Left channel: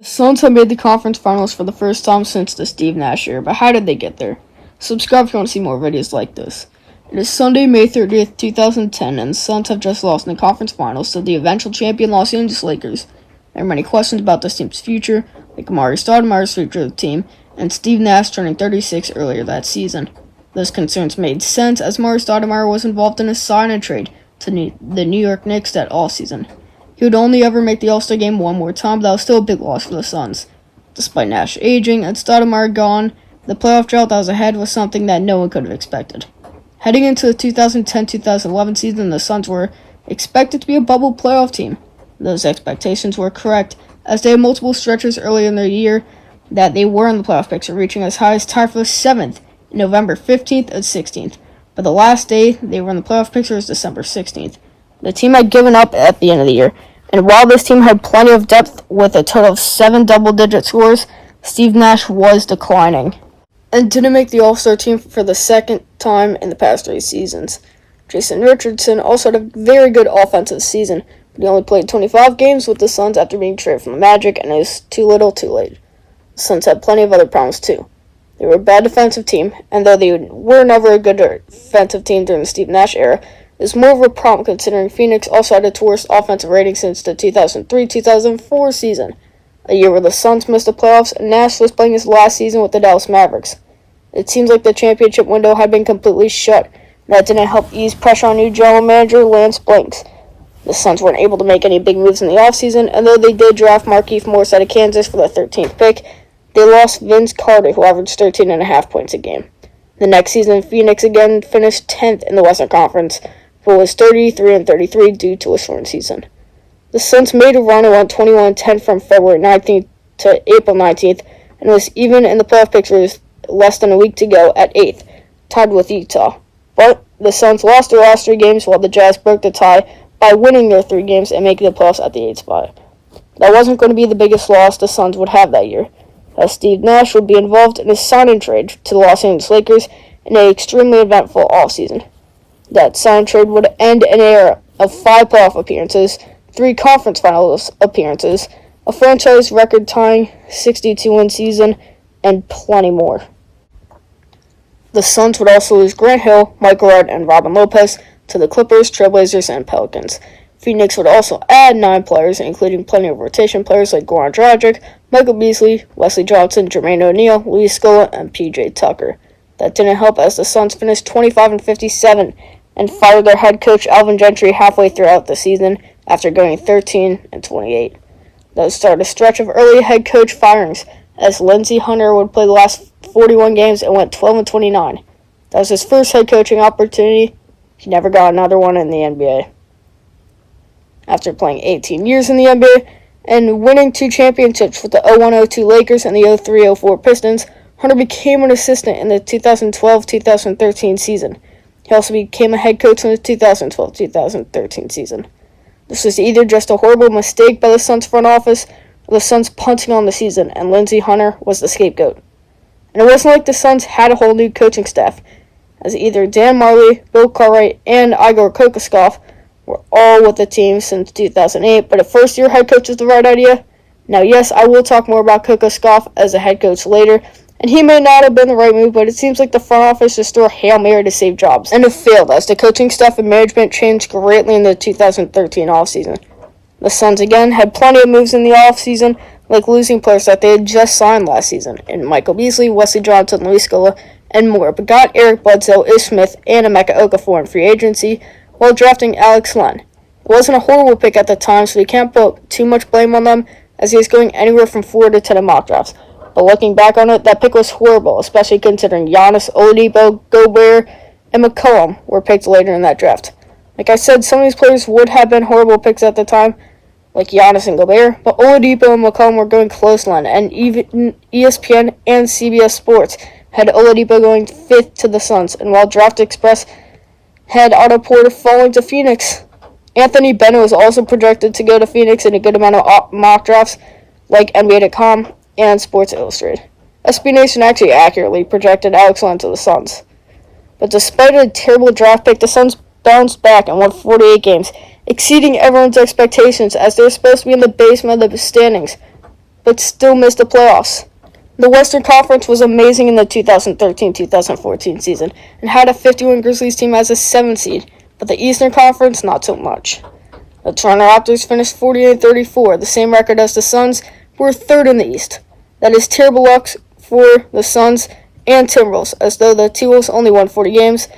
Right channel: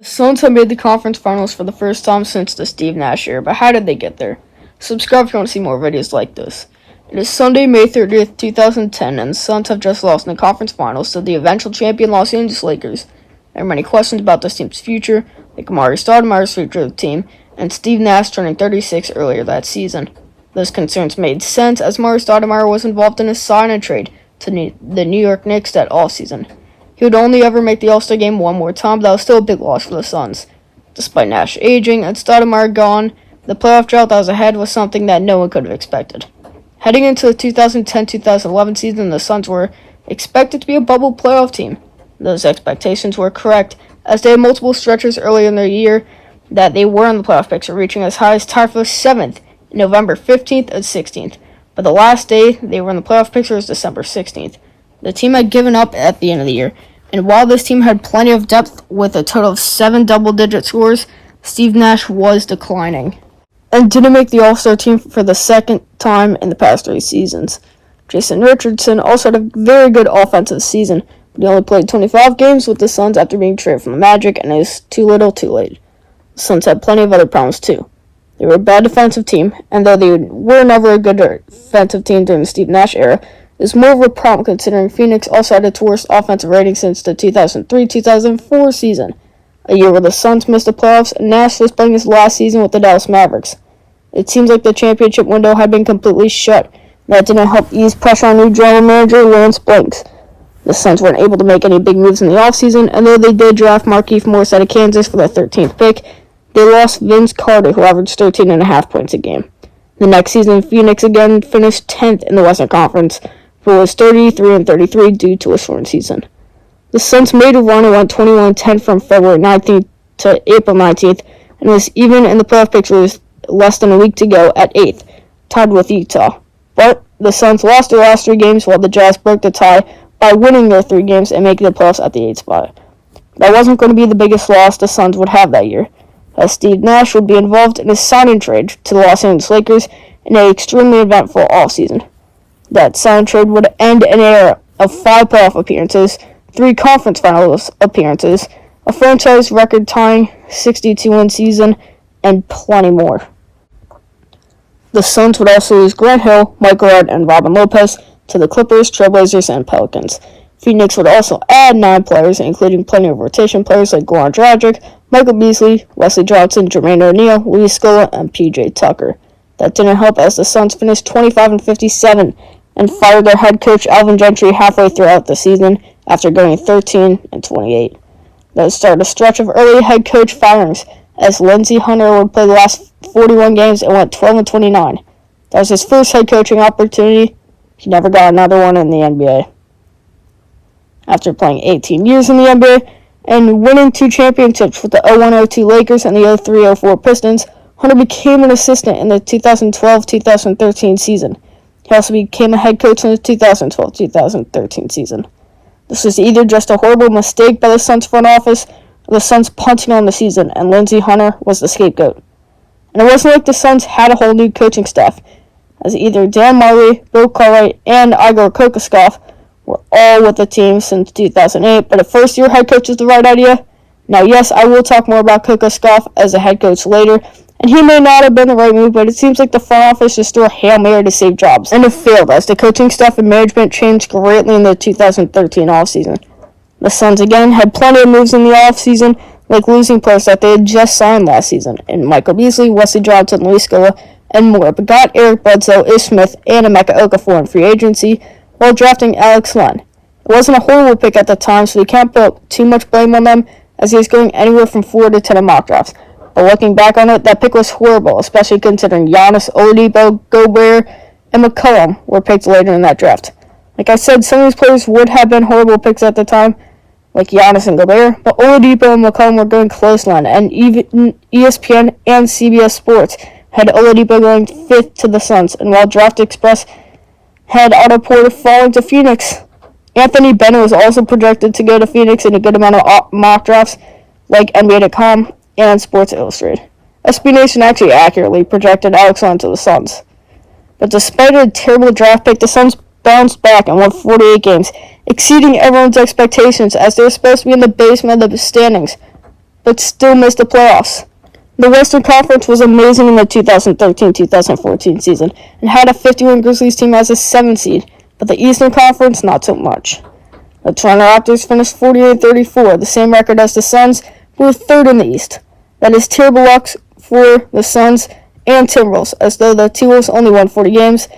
The Suns have made the conference finals for the first time since the Steve Nash era, but how did they get there? Subscribe if you want to see more videos like this. It is Sunday, May 30th, 2010, and the Suns have just lost in the conference finals to the eventual champion Los Angeles Lakers. There are many questions about this team's future, like Amar'e Stoudemire's future of the team, and Steve Nash turning 36 earlier that season. Those concerns made sense as Amar'e Stoudemire was involved in a sign-and trade to the New York Knicks that all-season. He would only ever make the All-Star game one more time, but that was still a big loss for the Suns. Despite Nash aging and Stoudemire gone, the playoff drought that was ahead was something that no one could have expected. Heading into the 2010-2011 season, the Suns were expected to be a bubble playoff team. Those expectations were correct, as they had multiple stretches earlier in the year that they were in the playoff picture, reaching as high as tied for 7th in November 15th and 16th. But the last day they were in the playoff picture was December 16th. The team had given up at the end of the year, and while this team had plenty of depth with a total of 7 double-digit scores, Steve Nash was declining and didn't make the All-Star team for the second time in the past 3 seasons. Jason Richardson also had a very good offensive season, but he only played 25 games with the Suns after being traded from the Magic, and it was too little too late. The Suns had plenty of other problems too. They were a bad defensive team, and though they were never a good defensive team during the Steve Nash era, it was more of a problem considering Phoenix also had its worst offensive rating since the 2003-2004 season, a year where the Suns missed the playoffs and Nash was playing his last season with the Dallas Mavericks. It seems like the championship window had been completely shut, and that didn't help ease pressure on new general manager Lance Blanks. The Suns weren't able to make any big moves in the offseason, and though they did draft Markieff Morris out of Kansas for their 13th pick, they lost Vince Carter, who averaged 13.5 points a game. The next season, Phoenix again finished 10th in the Western Conference, who was 33-33 due to a shortened season. The Suns made a run and went 21-10 from February 19th to April 19th, and was even in the playoff picture with less than a week to go at 8th, tied with Utah. But the Suns lost their last 3 games while the Jazz broke the tie by winning their 3 games and making the playoffs at the 8th spot. That wasn't going to be the biggest loss the Suns would have that year, as Steve Nash would be involved in a sign-and trade to the Los Angeles Lakers in an extremely eventful offseason. That sign trade would end an era of 5 playoff appearances, 3 conference finals appearances, a franchise record-tying 62-win season, and plenty more. The Suns would also lose Grant Hill, Mike Lillard, and Robin Lopez to the Clippers, Trailblazers, and Pelicans. Phoenix would also add 9 players, including plenty of rotation players like Goran Dragic, Michael Beasley, Wesley Johnson, Jermaine O'Neal, Luis Scola, and P.J. Tucker. That didn't help as the Suns finished 25-57 and fired their head coach Alvin Gentry halfway throughout the season after going 13-28. That started a stretch of early head coach firings, as Lindsey Hunter would play the last 41 games and went 12-29. That was his first head coaching opportunity. He never got another one in the NBA. After playing 18 years in the NBA and winning 2 championships with the 01-02 Lakers and the 03-04 Pistons, Hunter became an assistant in the 2012-2013 season. He also became a head coach in the 2012-2013 season. This was either just a horrible mistake by the Suns front office or the Suns punting on the season, and Lindsey Hunter was the scapegoat. And it wasn't like the Suns had a whole new coaching staff, as either Dan Marley, Bill Cartwright, and Igor Kokoskov were all with the team since 2008, but a first-year head coach is the right idea. Now, yes, I will talk more about Kokoskov as a head coach later, and he may not have been the right move, but it seems like the front office just threw a Hail Mary to save jobs, and it failed as the coaching staff and management changed greatly in the 2013 offseason. The Suns again had plenty of moves in the offseason, like losing players that they had just signed last season, and Michael Beasley, Wesley Johnson, Luis Scola, and more, but got Eric Bledsoe, Ish Smith, and Emeka Okafor in free agency, while drafting Alex Len. It wasn't a horrible pick at the time, so you can't put too much blame on them, as he was going anywhere from 4 to 10 in mock drafts. But looking back on it, that pick was horrible, especially considering Giannis, Oladipo, Gobert, and McCollum were picked later in that draft. Like I said, some of these players would have been horrible picks at the time, like Giannis and Gobert, but Oladipo and McCollum were going close line, and even ESPN and CBS Sports had Oladipo going 5th to the Suns, and while Draft Express had Otto Porter falling to Phoenix, Anthony Bennett was also projected to go to Phoenix in a good amount of mock drafts, like NBA.com and Sports Illustrated. SB Nation actually accurately projected Alex Len to the Suns. But despite a terrible draft pick, the Suns bounced back and won 48 games, exceeding everyone's expectations as they were supposed to be in the basement of the standings. but still missed the playoffs. The Western Conference was amazing in the 2013-2014 season and had a 50-win Grizzlies team as a 7th seed, but the Eastern Conference not so much. The Toronto Raptors finished 48-34, the same record as the Suns, who were 3rd in the East. That is terrible luck for the Suns and Timberwolves, as though the T-Wolves only won 40 games,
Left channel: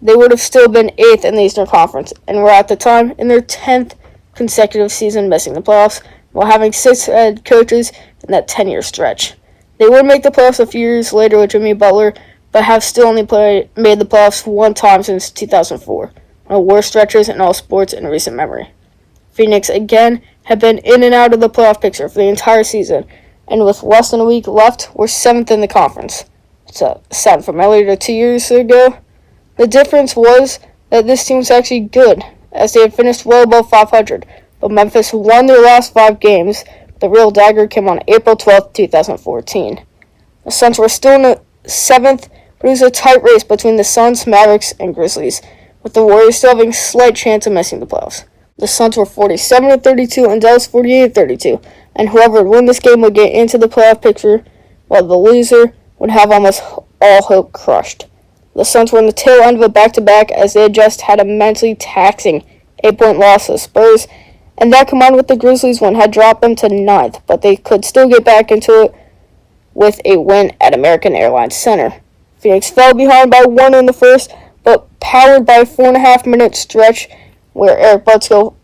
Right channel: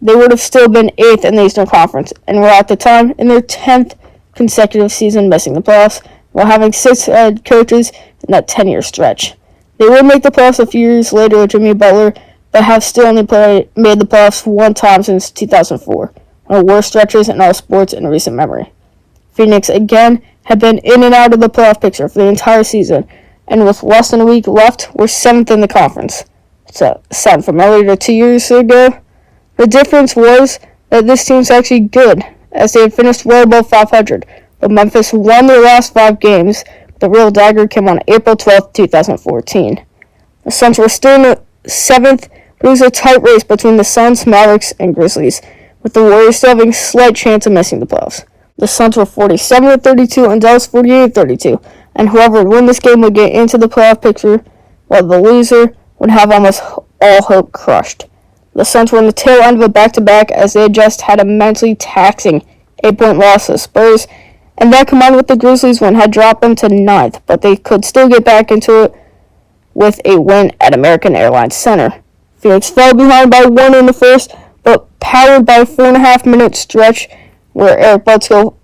they would have still been 8th in the Eastern Conference, and were at the time in their 10th consecutive season missing the playoffs, while having 6 head coaches in that 10-year stretch. They would make the playoffs a few years later with Jimmy Butler, but have still only made the playoffs one time since 2004, one of the worst stretches in all sports in recent memory. Phoenix, again, had been in and out of the playoff picture for the entire season, and with less than a week left, were 7th in the conference. So, 7th from earlier 2 years ago. The difference was that this team's actually good, as they had finished well above 500, but Memphis won their last 5 games. The real dagger came on April 12, 2014. The Suns were still in the 7th, but it was a tight race between the Suns, Mavericks, and Grizzlies, with the Warriors still having a slight chance of missing the playoffs. The Suns were 47-32 and Dallas 48-32, and whoever would win this game would get into the playoff picture, while the loser would have almost all hope crushed. The Suns were in the tail end of a back-to-back as they had just had a mentally taxing 8-point loss to the Spurs, and that combined with the Grizzlies win had dropped them to 9th, but they could still get back into it with a win at American Airlines Center. Phoenix fell behind by 1 in the first, but powered by a 4.5-minute stretch where Eric Bledsoe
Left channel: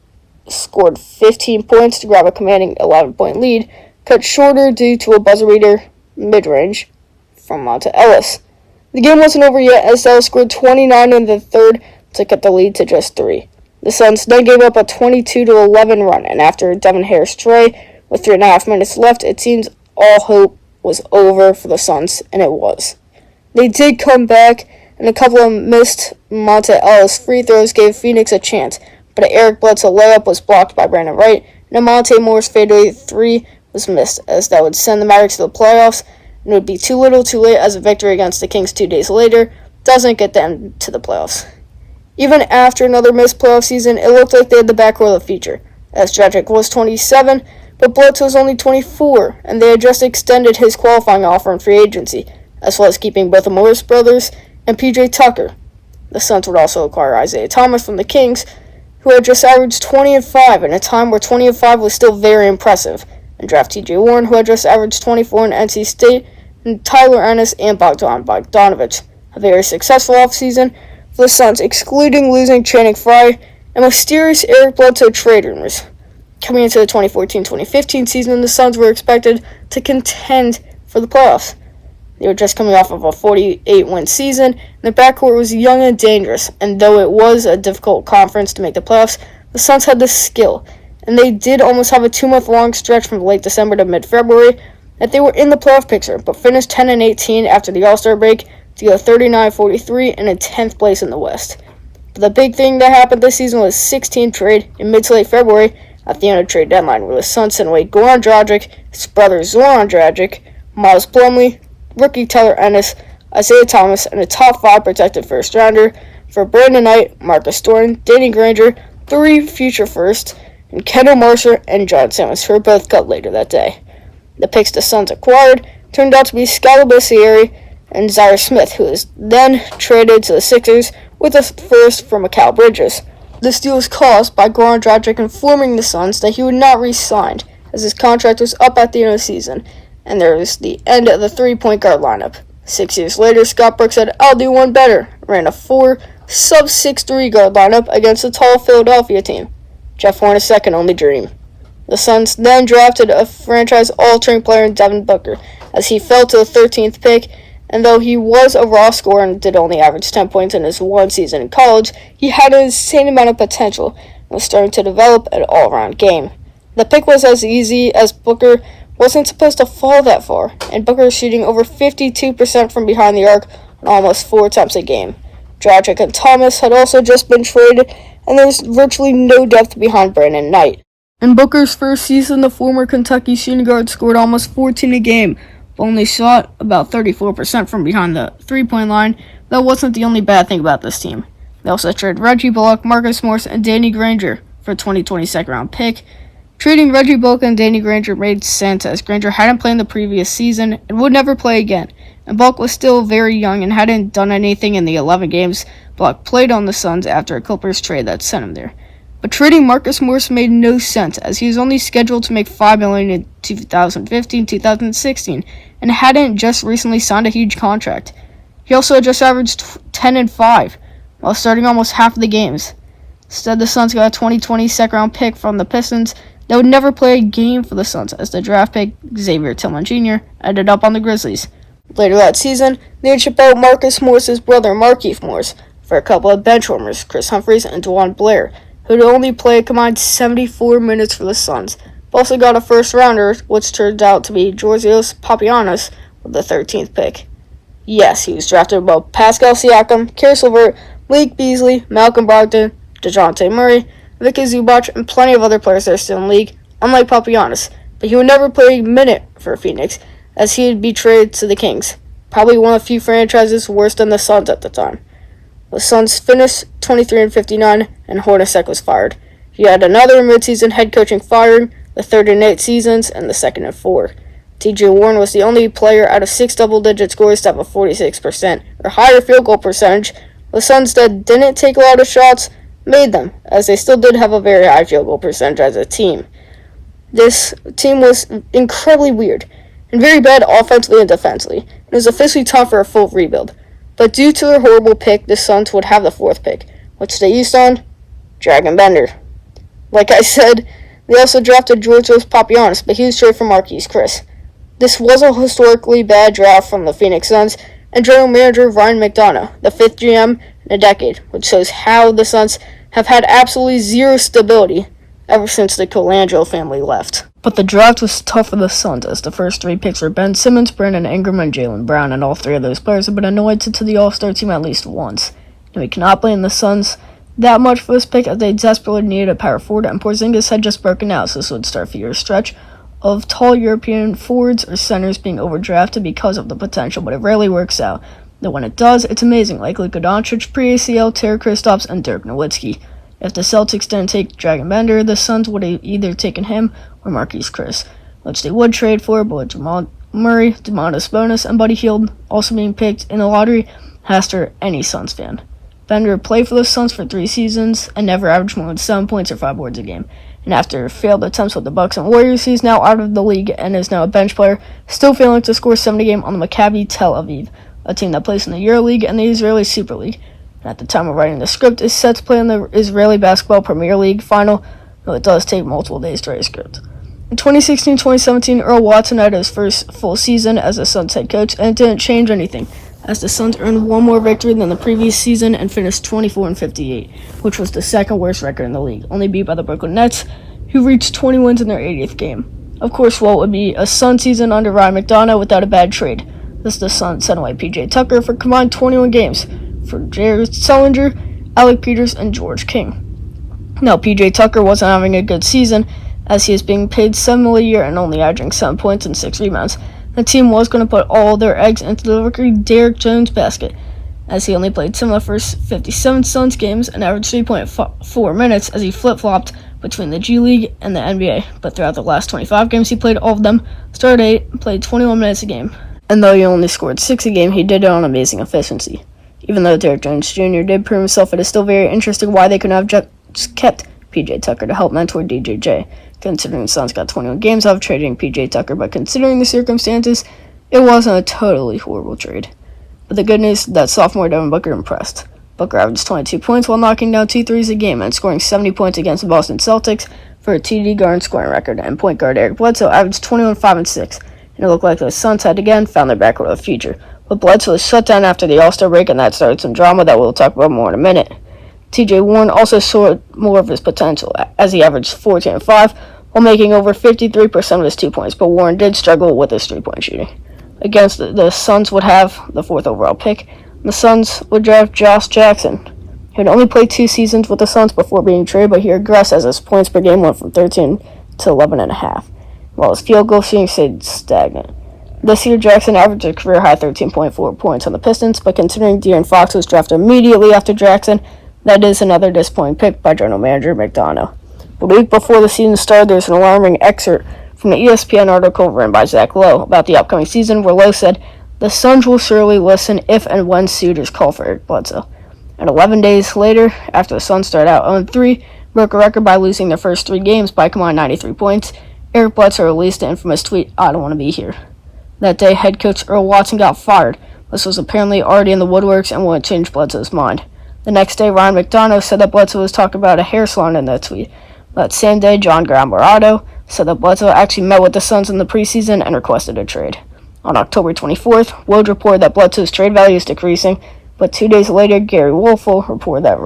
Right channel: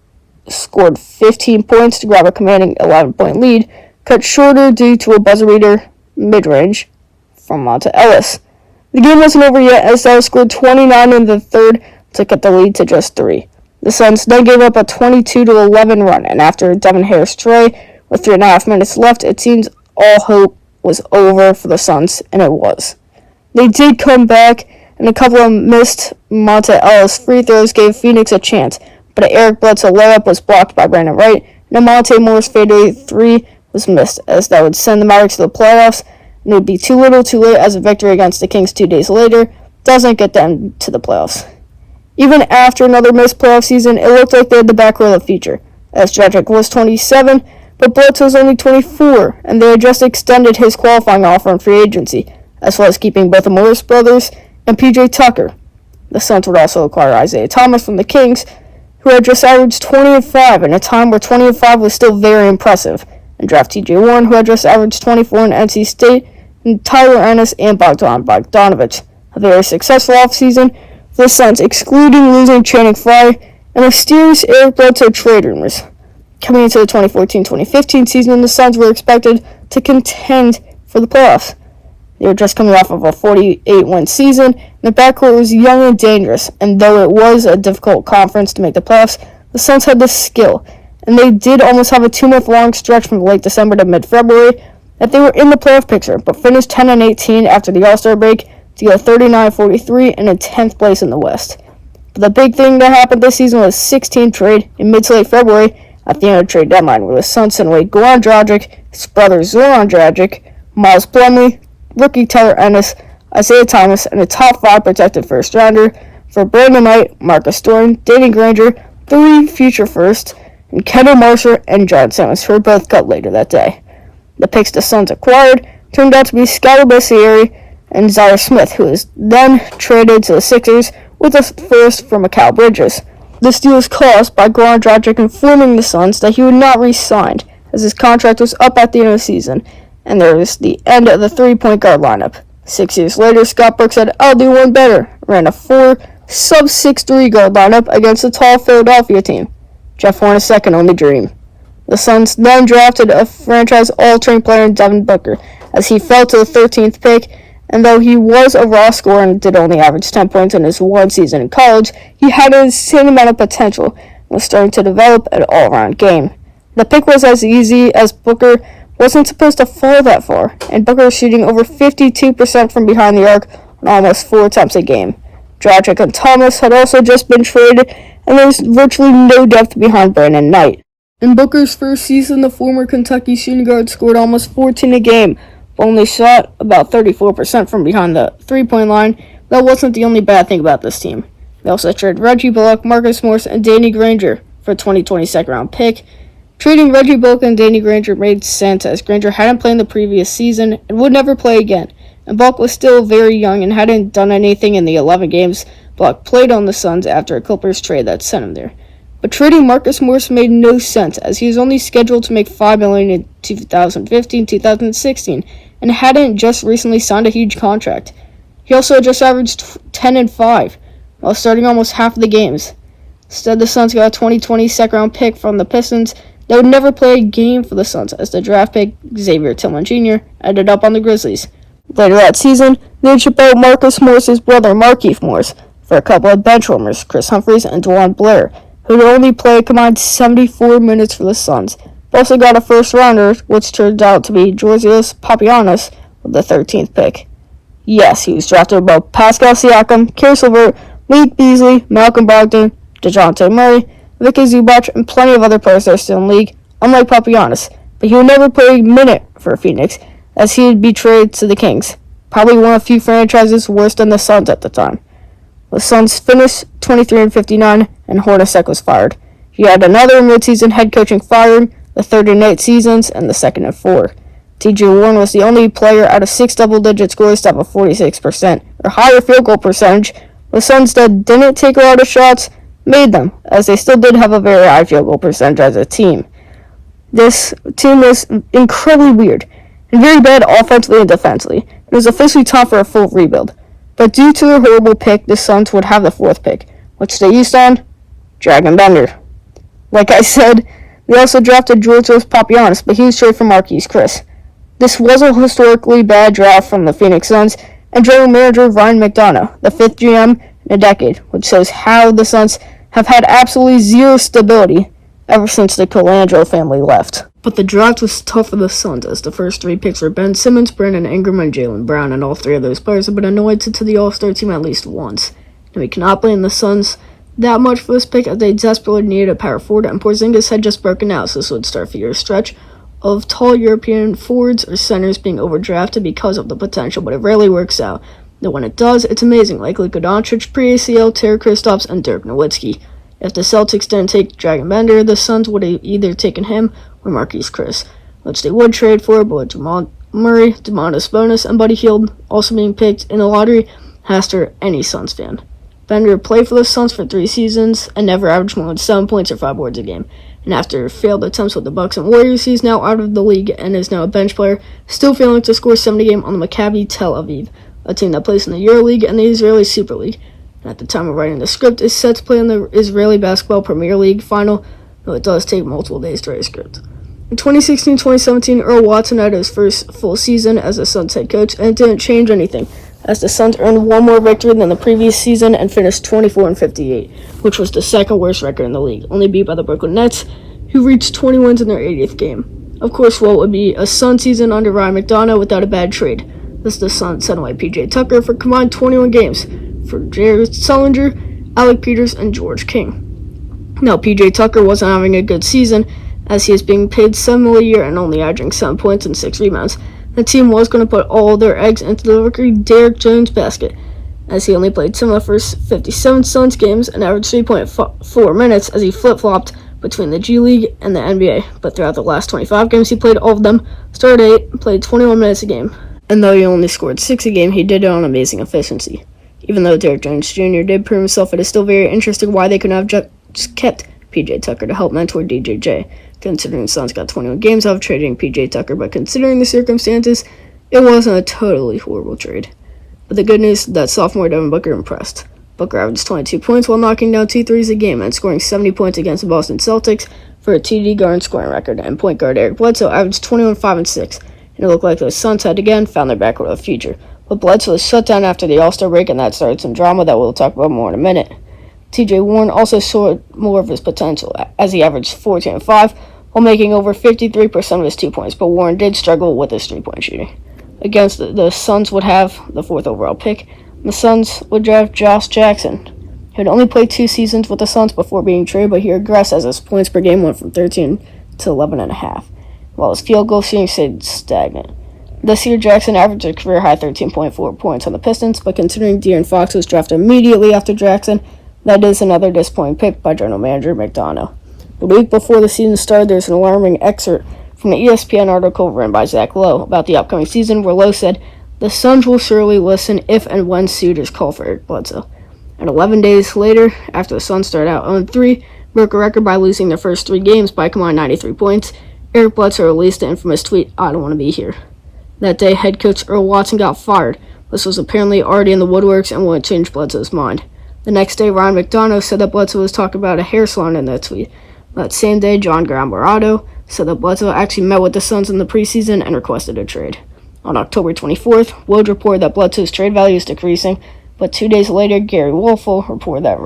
scored 15 points to grab a commanding 11-point lead, cut shorter due to a buzzer-beater mid-range from Monta Ellis. The game wasn't over yet as Dallas scored 29 in the 3rd to cut the lead to just 3. The Suns then gave up a 22-11 run, and after Devin Harris tray with 3.5 minutes left, it seemed all hope was over for the Suns, and it was. They did come back, and a couple of missed Monta Ellis free throws gave Phoenix a chance, but an Eric Bledsoe layup was blocked by Brandon Wright, and a Monte Morris fadeaway 3 was missed, as that would send the Mavericks to the playoffs, and it would be too little too late as a victory against the Kings 2 days later doesn't get them to the playoffs. Even after another missed playoff season, it looked like they had the back row of the future, as Dragic was 27, but Bledsoe was only 24, and they had just extended his qualifying offer in free agency, as well as keeping both the Morris brothers and P.J. Tucker. The Suns would also acquire Isaiah Thomas from the Kings, who had just averaged 20-5 in a time where 20-5 was still very impressive, and draft T.J. Warren, who had just averaged 24 in NC State, and Tyler Ennis and Bogdan Bogdanovic. A very successful offseason for the Suns, excluding losing Channing Frye and mysterious Eric Bledsoe trade rumors. Coming into the 2014-2015 season, the Suns were expected to contend for the playoffs. They were just coming off of a 48-win season, and the backcourt was young and dangerous, and though it was a difficult conference to make the playoffs, the Suns had the skill, and they did almost have a 2-month-long stretch from late December to mid-February that they were in the playoff picture, but finished 10-18 after the All-Star break to get 39-43 and in 10th place in the West. But the big thing that happened this season was a 6-team trade in mid to late February at the end of the trade deadline, where the Suns sent away Goran Dragic, his brother Zoran Dragic, Miles Plumlee, rookie Tyler Ennis, Isaiah Thomas, and a top 5 protected first-rounder for Brandon Knight, Marcus Thornton, Danny Granger, 3 future firsts, and Kendall Marshall and John Simmons, who were both cut later that day. The picks the Suns acquired turned out to be Scal Bessieri and Zaire Smith, who was then traded to the Sixers with a first for Mikal Bridges. This deal was caused by Goran Dragic informing the Suns that he would not re-sign, as his contract was up at the end of the season, and there was the end of the 3-point guard lineup. 6 years later, Scott Brooks said, "I'll do one better," ran a 4 sub-6'3" guard lineup against a tall Philadelphia team. Jeff Hornacek's second only dream. The Suns then drafted a franchise-altering player in Devin Booker, as he fell to the 13th pick, and though he was a raw scorer and did only average 10 points in his 1 season in college, he had an insane amount of potential and was starting to develop an all-around game. The pick was as easy as Booker wasn't supposed to fall that far, and Booker was shooting over 52% from behind the arc on almost 4 attempts a game. Dragic and Thomas had also just been traded, and there was virtually no depth behind Brandon Knight. In Booker's first season, the former Kentucky shooting guard scored almost 14 a game, but only shot about 34% from behind the 3-point line. That wasn't the only bad thing about this team. They also traded Reggie Bullock, Marcus Morris, and Danny Granger for a 2020 second-round pick, Trading Reggie Bullock and Danny Granger made sense as Granger hadn't played in the previous season and would never play again, and Bullock was still very young and hadn't done anything in the 11 games Bullock played on the Suns after a Clippers trade that sent him there. But trading Marcus Morris made no sense as he was only scheduled to make $5 million in 2015-2016 and hadn't just recently signed a huge contract. He also just averaged 10 and 5 while starting almost half of the games. Instead, the Suns got a 2020 second-round pick from the Pistons that would never play a game for the Suns as the draft pick, Xavier Tillman Jr., ended up on the Grizzlies. Later that season, they shipped out Marcus Morris's brother, Markieff Morris, for a couple of bench warmers, Chris Humphries and DeJuan Blair, who would only play a combined 74 minutes for the Suns. They also got a first-rounder, which turned out to be Georgios Papagiannis with the 13th pick. Yes, he was drafted above Pascal Siakam, Caris LeVert, Malik Beasley, Malcolm Brogdon, DeJounte Murray, Vicky Zubac, and plenty of other players that are still in the league, unlike Papagiannis. But he would never play a minute for Phoenix, as he would be traded to the Kings, probably one of the few franchises worse than the Suns at the time. The Suns finished 23-59, and Hornacek was fired. He had another midseason head coaching firing, the third in 8 seasons, and the second in 4. T.J. Warren was the only player out of 6 double-digit scores to have a 46% or higher field goal percentage. The Suns that didn't take a lot of shots made them, as they still did have a very high field goal percentage as a team. This team was incredibly weird and very bad offensively and defensively. It was officially tough for a full rebuild. But due to their horrible pick, the Suns would have the 4th pick, which they used on Dragan Bender. Like I said, they also drafted Georgios Papagiannis, but he was traded for Marquise Chris. This was a historically bad draft from the Phoenix Suns, and general manager Ryan McDonough, the 5th GM in a decade, which shows how the Suns have had absolutely zero stability ever since the Colangelo family left. But the draft was tough for the Suns, as the first 3 picks were Ben Simmons, Brandon Ingram, and Jaylen Brown, and all 3 of those players have been anointed to the All-Star team at least once. And we cannot blame the Suns that much for this pick, as they desperately needed a power forward, and Porzingis had just broken out, so this would start a year stretch of tall European forwards or centers being overdrafted because of the potential, but it rarely works out. Though when it does, it's amazing, like Luka Doncic, pre-ACL, Terry Kristaps, and Dirk Nowitzki. If the Celtics didn't take Dragan Bender, the Suns would have either taken him or Marquise Chris, which they would trade for, but with Jamal Murray, Domantas Sabonis, and Buddy Hield also being picked in the lottery, has to hurt any Suns fan. Bender played for the Suns for 3 seasons and never averaged more than 7 points or 5 boards a game. And after failed attempts with the Bucks and Warriors, he's now out of the league and is now a bench player, still failing to score 70 a game on the Maccabi Tel Aviv, a team that plays in the EuroLeague and the Israeli Super League. And at the time of writing the script, is set to play in the Israeli Basketball Premier League final, though it does take multiple days to write a script. In 2016-2017, Earl Watson had his first full season as a Suns head coach, and it didn't change anything, as the Suns earned 1 more victory than the previous season and finished 24-58, which was the second worst record in the league, only beat by the Brooklyn Nets, who reached 20 wins in their 80th game. Of course, what would be a Suns season under Ryan McDonough without a bad trade? Thus, the Suns sent away P.J. Tucker for combined 21 games for Jared Sullinger, Alec Peters, and George King. Now, P.J. Tucker wasn't having a good season, as he is being paid $7 million a year and only averaging 7 points and 6 rebounds. The team was going to put all their eggs into the rookie Derrick Jones' basket, as he only played some of the first 57 Suns games and averaged 3.4 minutes as he flip-flopped between the G League and the NBA. But throughout the last 25 games, he played all of them, started 8, and played 21 minutes a game. And though he only scored 6 a game, he did it on amazing efficiency. Even though Derrick Jones Jr. did prove himself, it is still very interesting why they could not have just kept P.J. Tucker to help mentor DJJ. Considering the Suns got 21 games out of trading P.J. Tucker, but considering the circumstances, it wasn't a totally horrible trade. But the good news is that sophomore Devin Booker impressed. Booker averaged 22 points while knocking down 2 threes a game and scoring 70 points against the Boston Celtics for a TD guard scoring record, and point guard Eric Bledsoe averaged 21, 5, and 6. And it looked like the Suns had again found their backcourt of the future. But Bledsoe was shut down after the All-Star break, and that started some drama that we'll talk about more in a minute. T.J. Warren also saw more of his potential, as he averaged 14 and 5, while making over 53% of his 2 points, but Warren did struggle with his 3-point shooting. Against the Suns would have the 4th overall pick. The Suns would draft Josh Jackson. He had only played 2 seasons with the Suns before being traded, but he regressed as his points per game went from 13 to 11.5, while his field goal shooting stayed stagnant. This year, Jackson averaged a career-high 13.4 points on the Pistons, but considering De'Aaron Fox was drafted immediately after Jackson, that is another disappointing pick by general manager McDonough. But a week before the season started, there's an alarming excerpt from an ESPN article written by Zach Lowe about the upcoming season, where Lowe said, "The Suns will surely listen if and when suitors call for Eric Bledsoe." And 11 days later, after the Suns started out 0-3, broke a record by losing their first 3 games by a combined 93 points, Eric Bledsoe released the infamous tweet, "I don't want to be here." That day, head coach Earl Watson got fired. This was apparently already in the woodworks and wouldn't change Bledsoe's mind. The next day, Ryan McDonough said that Bledsoe was talking about a hair salon in that tweet. That same day, John Gambarado said that Bledsoe actually met with the Suns in the preseason and requested a trade. On October 24th, Woj reported that Bledsoe's trade value is decreasing, but 2 days later, Gary Wolfel reported that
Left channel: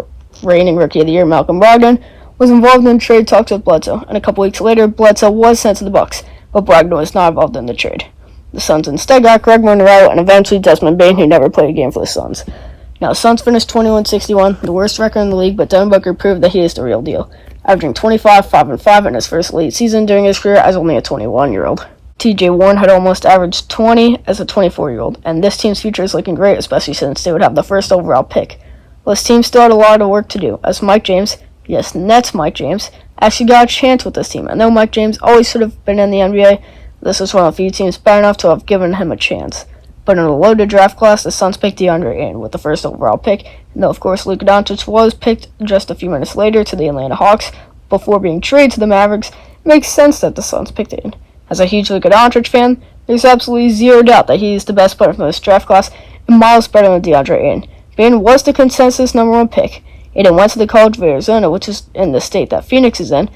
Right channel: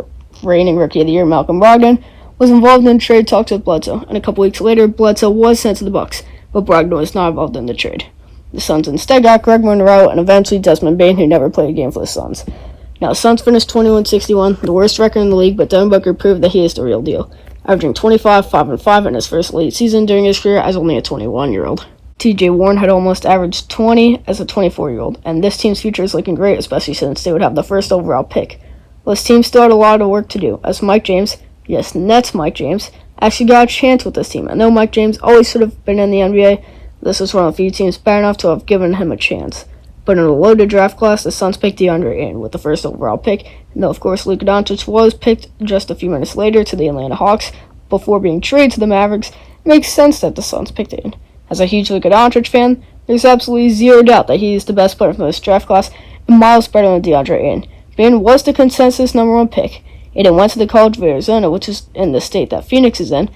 reigning Rookie of the Year Malcolm Brogdon was involved in trade talks with Bledsoe, and a couple weeks later, Bledsoe was sent to the Bucks, but Brogdon was not involved in the trade. The Suns instead got Greg Monroe and eventually Desmond Bane, who never played a game for the Suns. Now, the Suns finished 21-61, the worst record in the league, but Devin Booker proved that he is the real deal, averaging 25, 5-5 in his first late season during his career as only a 21-year-old. TJ Warren had almost averaged 20 as a 24-year-old, and this team's future is looking great, especially since they would have the first overall pick. Well, this team still had a lot of work to do, as Mike James, yes, Nets Mike James, actually got a chance with this team. And though Mike James always should have been in the NBA, this was one of the few teams bad enough to have given him a chance. But in a loaded draft class, the Suns picked DeAndre Ayton with the first overall pick, and though of course Luka Doncic was picked just a few minutes later to the Atlanta Hawks before being traded to the Mavericks, it makes sense that the Suns picked Ayton. As a huge Luka Doncic fan, there's absolutely zero doubt that he is the best player from this draft class and miles better than DeAndre Ayton. Ayton was the consensus #1 pick. Ayton went to the College of Arizona, which is in the state that Phoenix is in,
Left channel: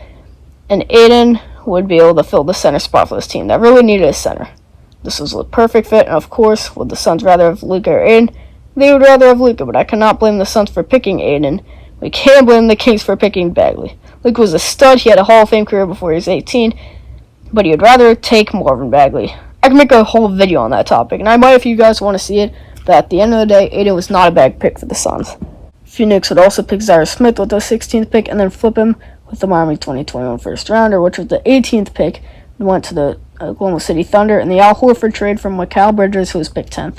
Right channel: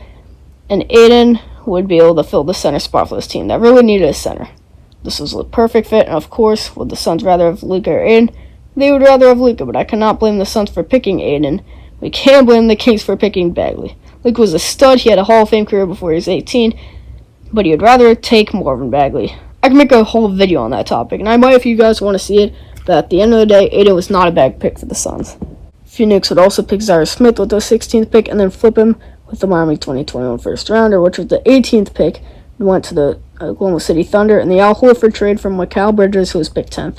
and Ayton would be able to fill the center spot for this team that really needed a center. This was a perfect fit, and of course, would the Suns rather have Luka or Ayton? They would rather have Luka, but I cannot blame the Suns for picking Ayton. We can blame the Kings for picking Bagley. Luka was a stud. He had a Hall of Fame career before he was 18, but he would rather take Marvin Bagley. I can make a whole video on that topic, and I might if you guys want to see it, but at the end of the day, Ayton was not a bad pick for the Suns. Phoenix would also pick Zaire Smith with the 16th pick and then flip him with the Miami 2021 first rounder, which was the 18th pick, and went to the Oklahoma City Thunder, and the Al Horford trade from Mikal Bridges, who was picked 10th.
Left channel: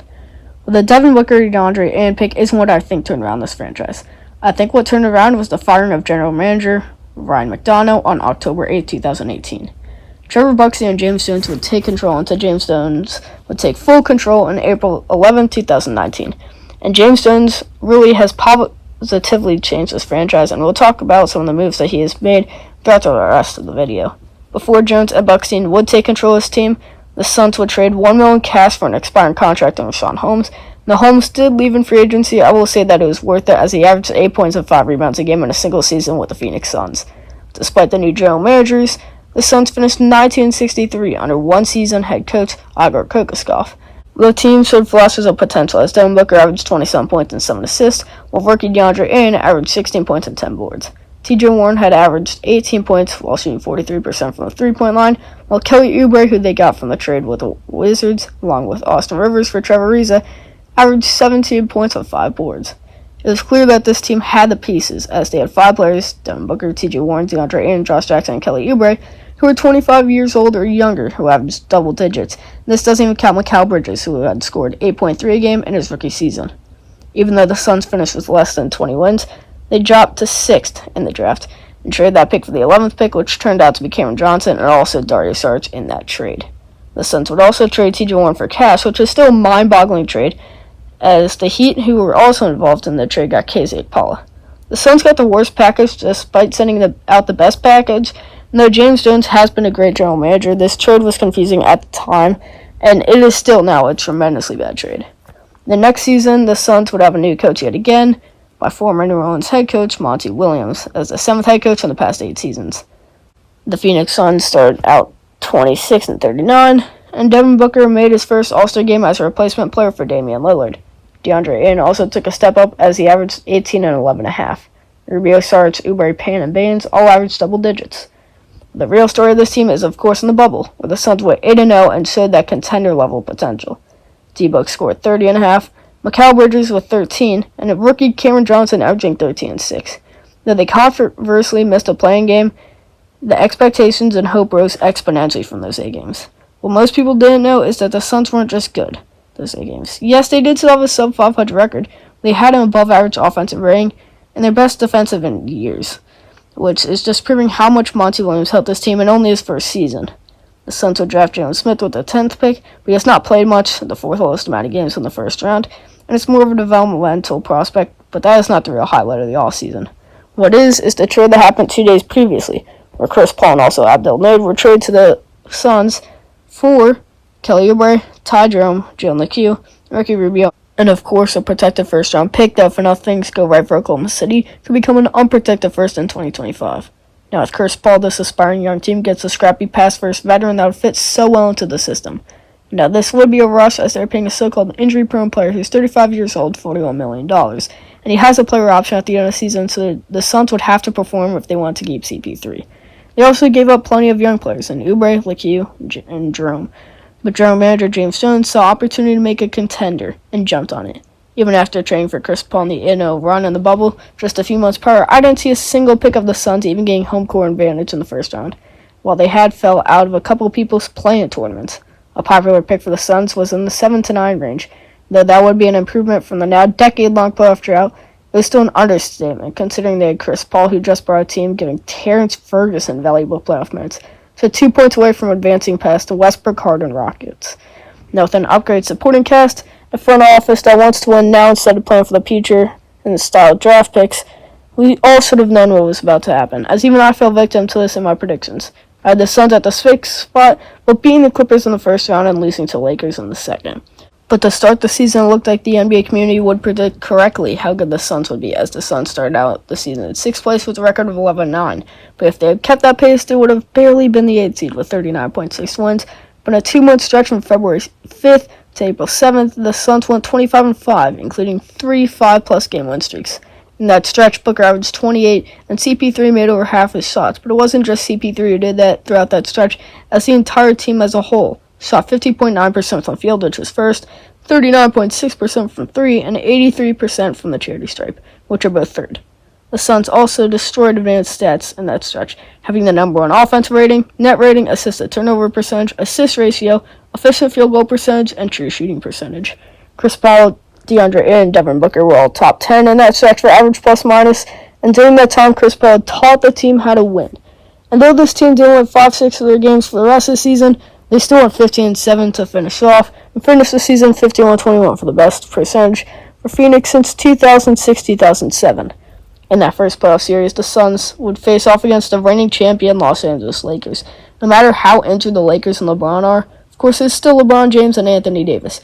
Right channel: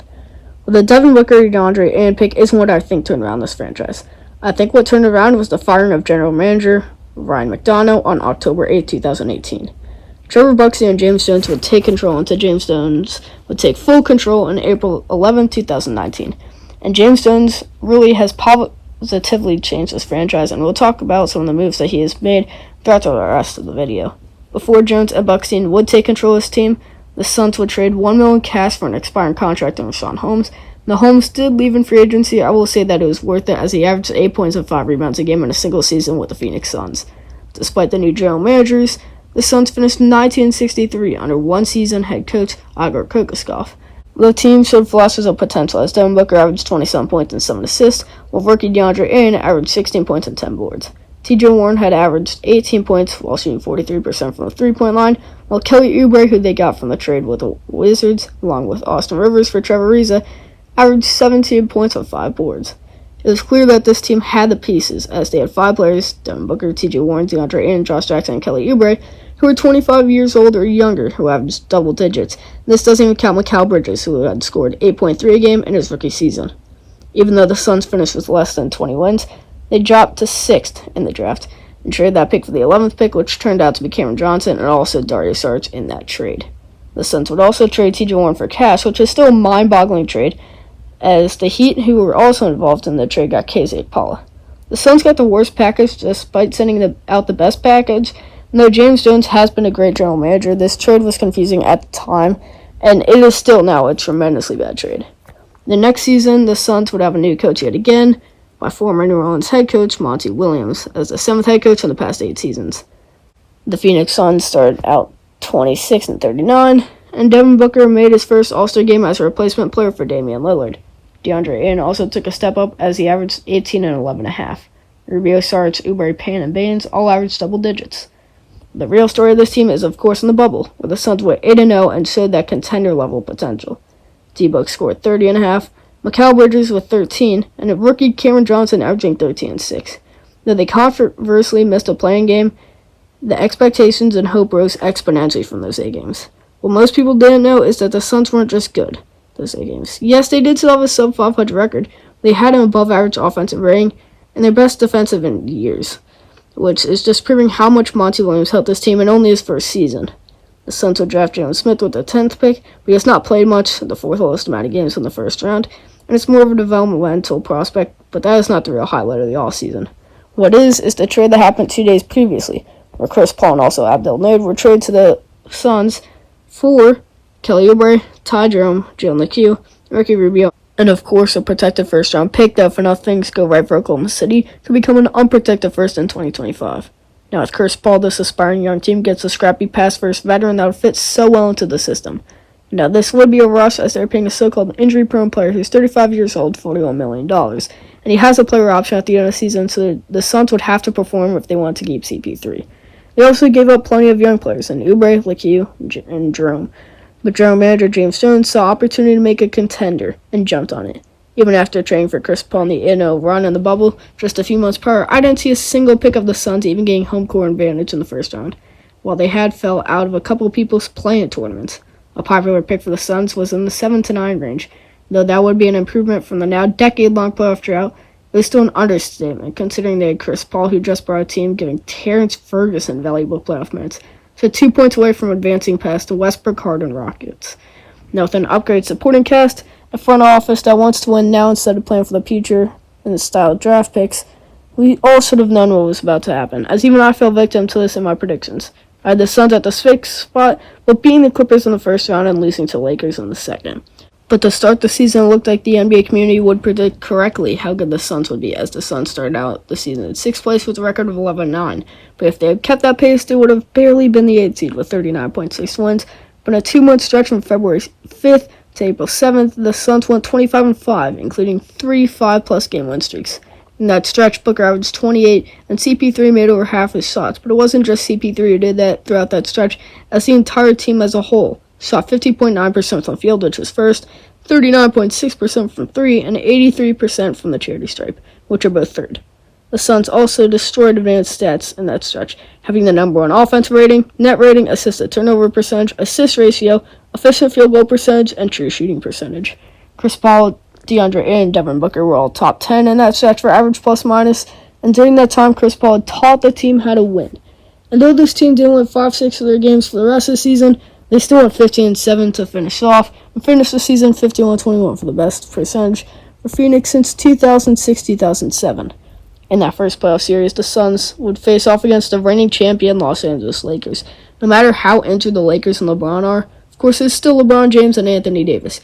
But the Devin Booker DeAndre Ayton pick isn't what I think turned around this franchise. I think what turned around was the firing of general manager Ryan McDonough on October 8, 2018. Trevor Buxey and James Jones would take control until James Jones would take full control on April 11, 2019. And James Jones really has positively changed this franchise, and we'll talk about some of the moves that he has made throughout the rest of the video. Before Jones and Buxey would take control of his team, the Suns would trade $1 million cash for an expiring contract on Rashawn Holmes. Now, Holmes did leave in free agency. I will say that it was worth it, as he averaged 8 points and 5 rebounds a game in a single season with the Phoenix Suns. Despite the new general managers, the Suns finished 1963 under one-season head coach Igor Kokoskov. The team showed flashes of potential, as Devin Booker averaged 27 points and 7 assists, while rookie DeAndre Ayton averaged 16 points and 10 boards. TJ Warren had averaged 18 points while shooting 43% from the three-point line, while Kelly Oubre, who they got from the trade with the Wizards, along with Austin Rivers for Trevor Ariza, averaged 17 points with 5 boards. It was clear that this team had the pieces, as they had 5 players, Devin Booker, TJ Warren, DeAndre Ayton, Josh Jackson, and Kelly Oubre, who were 25 years old or younger, who averaged double digits. This doesn't even count Mikal Bridges, who had scored 8.3 a game in his rookie season. Even though the Suns finished with less than 20 wins, they dropped to 6th in the draft and traded that pick for the 11th pick, which turned out to be Cameron Johnson and also Dario Saric in that trade. The Suns would also trade TJ Warren for cash, which is still a mind-boggling trade, as the Heat, who were also involved in the trade, got KZ Okpala. The Suns got the worst package despite sending out the best package. And though James Jones has been a great general manager, this trade was confusing at the time, and it is still now a tremendously bad trade. The next season, the Suns would have a new coach yet again, by former New Orleans head coach Monty Williams, as the 7th head coach in the past 8 seasons. The Phoenix Suns started out 26-39, and Devin Booker made his first All-Star game as a replacement player for Damian Lillard. DeAndre Ayton also took a step up as he averaged 18 and 11.5. Rubio, Saric, Oubre, Payne, and Baines all averaged double digits. The real story of this team is, of course, in the bubble, where the Suns went 8-0 and showed that contender-level potential. D-Book scored 30.5, Mikal Bridges with 13, and a rookie Cameron Johnson averaging 13 and 6. Though they controversially missed a playing game, the expectations and hope rose exponentially from those 8 games. What most people didn't know is that the Suns weren't just good those 8 games. Yes, they did still have a sub-500 record. They had an above-average offensive rating and their best defensive in years. which is just proving how much Monty Williams helped this team in only his first season. The Suns would draft Jalen Smith with the 10th pick, but he has not played much, the fourth lowest amount of games in the first round, and it's more of a developmental prospect, but that is not the real highlight of the offseason. What is the trade that happened 2 days previously, where Chris Paul and also Abdel Nader were traded to the Suns for Kelly Oubre, Ty Jerome, Jalen LeCue, Ricky Rubio, and of course a protected first-round pick that, if enough things go right for Oklahoma City, could become an unprotected first in 2025. Now with Chris Paul, this aspiring young team gets a scrappy pass-first veteran that would fit so well into the system. Now this would be a rush, as they're paying a so-called injury-prone player who's 35 years old $41 million, and he has a player option at the end of the season, so the Suns would have to perform if they want to keep CP3. They also gave up plenty of young players in Oubre, LeCue, and Jerome. But general manager James Jones saw opportunity to make a contender and jumped on it. Even after trading for Chris Paul in the 8-0 run in the bubble just a few months prior, I didn't see a single pick of the Suns even getting home court advantage in the first round, while they had fell out of a couple of people's play-in tournaments. A popular pick for the Suns was in the 7 to 9 range. Though that would be an improvement from the now decade-long playoff drought, it was still an understatement, considering they had Chris Paul, who just brought a team giving Terrence Ferguson valuable playoff minutes, so 2 points away from advancing past the Westbrook Harden Rockets. Now with an upgraded supporting cast, a front office that wants to win now instead of playing for the future in the style of draft picks, we all should have known what was about to happen, as even I fell victim to this in my predictions. I had the Suns at the 6th spot, but beating the Clippers in the first round and losing to Lakers in the second. But to start the season, it looked like the NBA community would predict correctly how good the Suns would be, as the Suns started out the season in 6th place with a record of 11-9. But if they had kept that pace, they would have barely been the 8th seed with 39.6 wins. But in a 2-month stretch from February 5th to April 7th, the Suns went 25-5, including 3 5-plus game win streaks. In that stretch, Booker averaged 28, and CP3 made over half his shots. But it wasn't just CP3 who did that throughout that stretch, as the entire team as a whole shot 50.9% from the field, which was first, 39.6% from 3, and 83% from the charity stripe, which are both third. The Suns also destroyed advanced stats in that stretch, having the number 1 offensive rating, net rating, assist-to-turnover percentage, assist ratio, efficient field goal percentage, and true shooting percentage. Chris Paul, DeAndre, and Devin Booker were all top 10 in that stretch for average plus-minus, and during that time, Chris Paul had taught the team how to win. And though this team didn't win 5-6 of their games for the rest of the season, they still went 15-7 to finish off, and finished the season 51-21 for the best percentage for Phoenix since 2006-2007. In that first playoff series, the Suns would face off against the reigning champion Los Angeles Lakers. No matter how injured the Lakers and LeBron are, of course it's still LeBron James and Anthony Davis.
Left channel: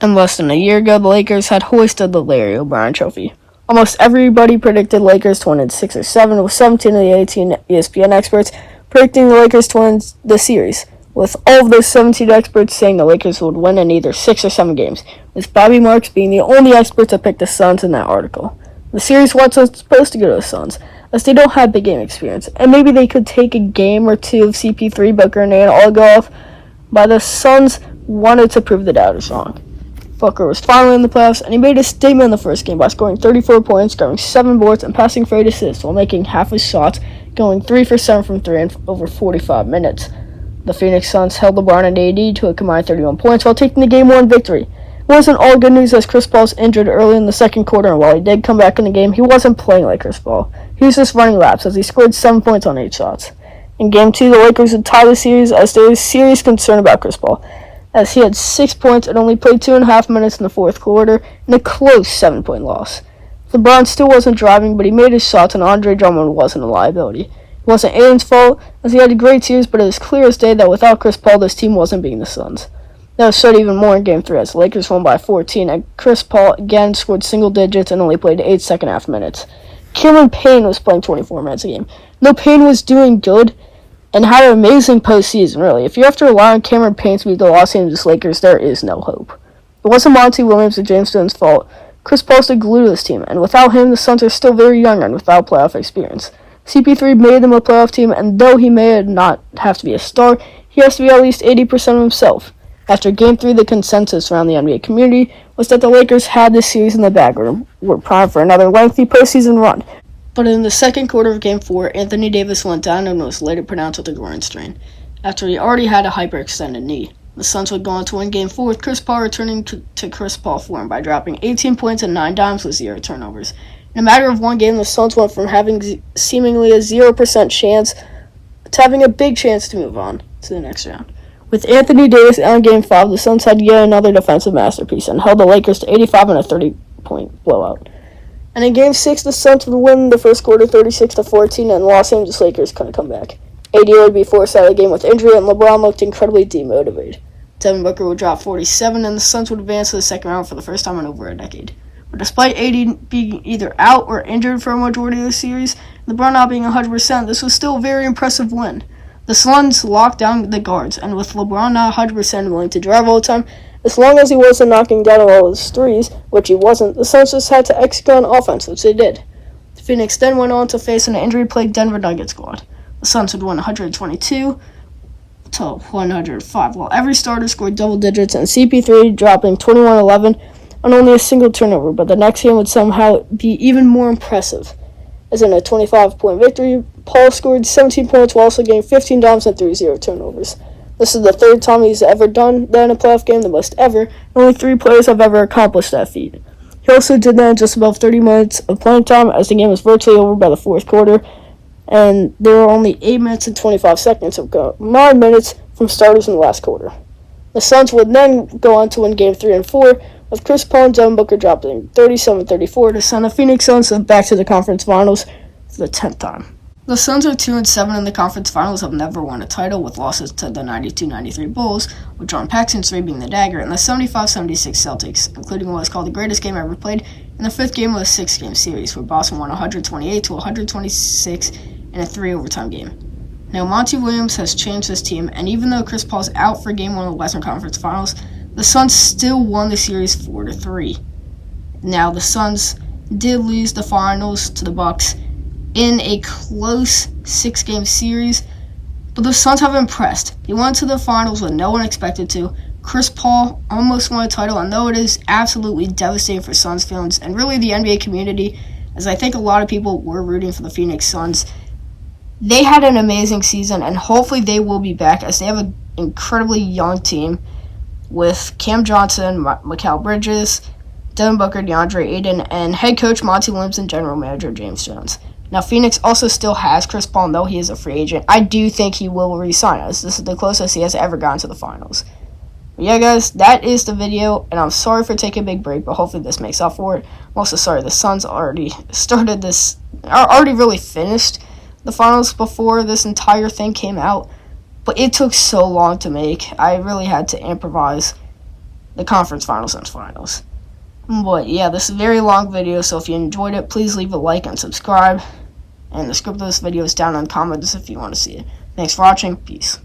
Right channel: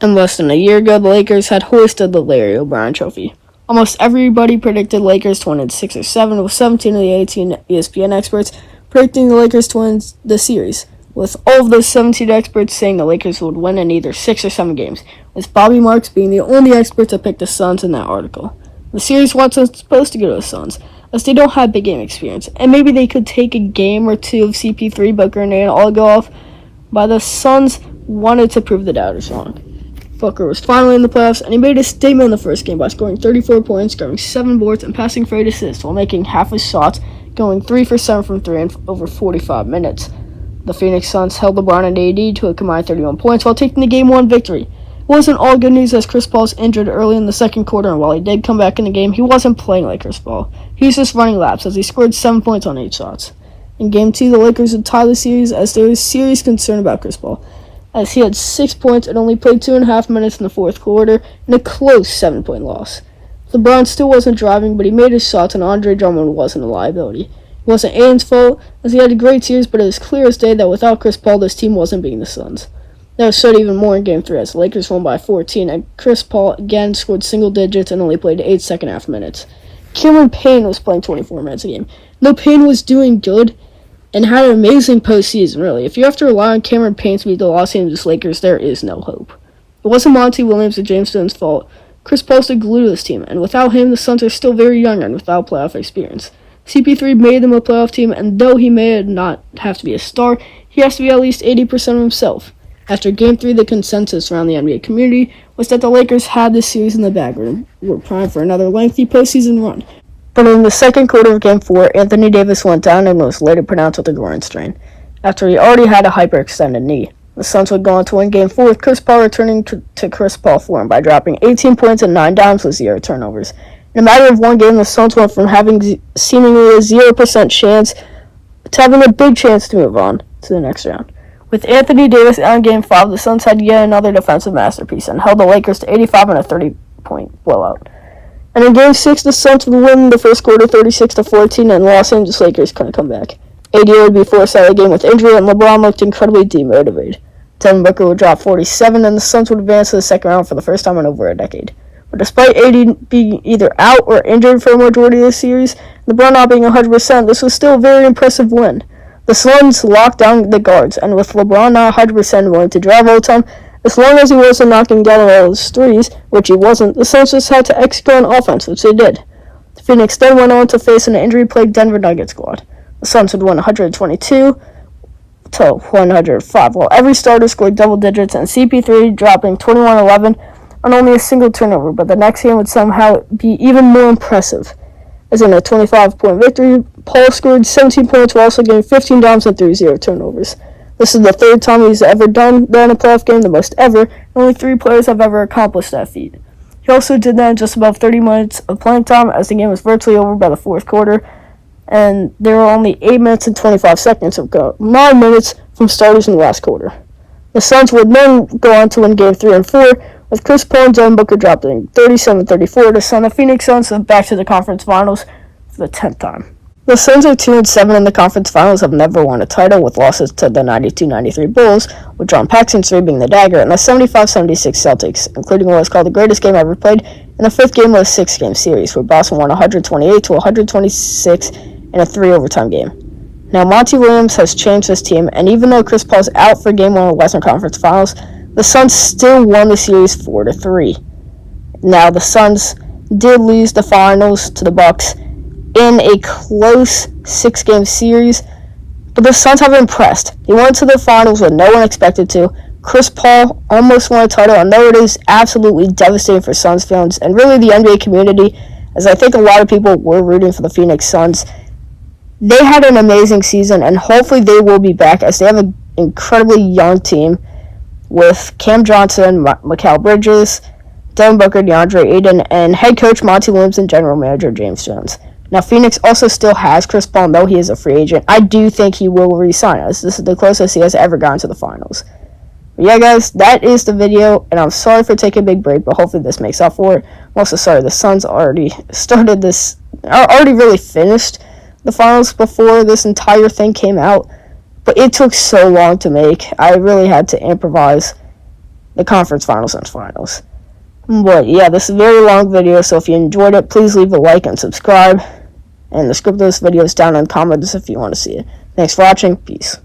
And less than a year ago, the Lakers had hoisted the Larry O'Brien Trophy. Almost everybody predicted Lakers to win in 6 or 7, with 17 of the 18 ESPN experts predicting the Lakers to win the series, with all of those 17 experts saying the Lakers would win in either 6 or 7 games, with Bobby Marks being the only expert to pick the Suns in that article. The series wasn't supposed to go to the Suns, as they don't have big game experience, and maybe they could take a game or two of CP3, Booker, and Nana all go off, but the Suns wanted to prove the doubters wrong. Booker was finally in the playoffs, and he made a statement in the first game by scoring 34 points, grabbing 7 boards, and passing for 8 assists, while making half his shots, going 3 for 7 from 3 in over 45 minutes. The Phoenix Suns held LeBron and AD to a combined 31 points while taking the Game 1 victory. It wasn't all good news, as Chris Paul's injured early in the second quarter, and while he did come back in the game, he wasn't playing like Chris Paul. He was just running laps, as he scored 7 points on 8 shots. In Game 2, the Lakers would tie the series, as there was serious concern about Chris Paul, as he had 6 points and only played 2.5 minutes in the fourth quarter in a close 7-point loss. LeBron still wasn't driving, but he made his shots, and Andre Drummond wasn't a liability. It wasn't Aiden's fault, as he had a great series, but it was clear as day that without Chris Paul, this team wasn't beating the Suns. That was showed even more in Game 3, as the Lakers won by 14, and Chris Paul again scored single digits and only played 8 second-half minutes. Cameron Payne was playing 24 minutes a game. Though Payne was doing good and had an amazing postseason, really. If you have to rely on Cameron Payne to beat the Los Angeles Lakers, there is no hope. It wasn't Monty Williams or James Jones' fault. Chris Paul's the glue to this team, and without him, the Suns are still very young and without playoff experience. CP3 made them a playoff team, and though he may not have to be a star, he has to be at least 80% of himself. After Game 3, the consensus around the NBA community was that the Lakers had this series in the bag and were primed for another lengthy postseason run. But in the second quarter of Game 4, Anthony Davis went down and was later pronounced with a groin strain, after he already had a hyperextended knee. The Suns would go on to win Game 4 with Chris Paul returning to Chris Paul form by dropping 18 points and 9 dimes with 0 turnovers. In a matter of one game, the Suns went from having seemingly a 0% chance to having a big chance to move on to the next round. With Anthony Davis out in Game 5, the Suns had yet another defensive masterpiece and held the Lakers to 85 in a 30-point blowout. And in Game 6, the Suns would win the first quarter 36-14, and the Los Angeles Lakers couldn't come back. AD would be forced out of the game with injury, and LeBron looked incredibly demotivated. Devin Booker would drop 47, and the Suns would advance to the second round for the first time in over a decade. But despite AD being either out or injured for a majority of the series, LeBron not being 100%, this was still a very impressive win. The Suns locked down the guards, and with LeBron not 100% willing to drive all the time, as long as he wasn't knocking down all those threes, which he wasn't, the Suns just had to execute on offense, which they did. The Phoenix then went on to face an injury-plagued Denver Nuggets squad. The Suns would win 122 to 105, while every starter scored double digits, and CP3 dropping 21-11 on only a single turnover, but the next game would somehow be even more impressive. As in a 25-point victory, Paul scored 17 points while also getting 15 dimes and 3-0 turnovers. This is the third time he's ever done that in a playoff game, the most ever, and only 3 players have ever accomplished that feat. He also did that in just above 30 minutes of playing time, as the game was virtually over by the fourth quarter, and there were only 8 minutes and 25 seconds of 9 minutes from starters in the last quarter. The Suns would then go on to win Game 3 and 4, with Chris Paul and Devin Booker dropping 37-34 to send the Phoenix Suns back to the conference finals for the 10th time. The Suns are 2-7 in the conference finals, have never won a title, with losses to the 92-93 Bulls, with John Paxson's 3 being the dagger, and the 75-76 Celtics, including what was called the greatest game ever played in the 5th game of a 6-game series, where Boston won 128-126 in a 3-overtime game. Now, Monty Williams has changed this team, and even though Chris Paul's out for Game 1 of the Western Conference Finals, the Suns still won the series 4-3. Now, the Suns did lose the finals to the Bucks in a close 6-game series, but the Suns have impressed. They went to the finals when no one expected to. Chris Paul almost won a title, and though it is absolutely devastating for Suns fans and really the NBA community, as I think a lot of people were rooting for the Phoenix Suns, they had an amazing season, and hopefully they will be back, as they have an incredibly young team with Cam Johnson, Mikal Bridges, Devin Booker, DeAndre Ayton, and head coach Monty Williams and general manager James Jones. Now, Phoenix also still has Chris Paul, though he is a free agent. I do think he will re-sign us. This is the closest he has ever gotten to the finals. But yeah, guys, that is the video, and I'm sorry for taking a big break, but hopefully this makes up for it. I'm also sorry the Suns already really finished the finals before this entire thing came out, but it took so long to make. I really had to improvise the conference finals and finals. But yeah, this is a very long video, so if you enjoyed it, please leave a like and subscribe. And the script of this video is down in the comments if you want to see it. Thanks for watching. Peace.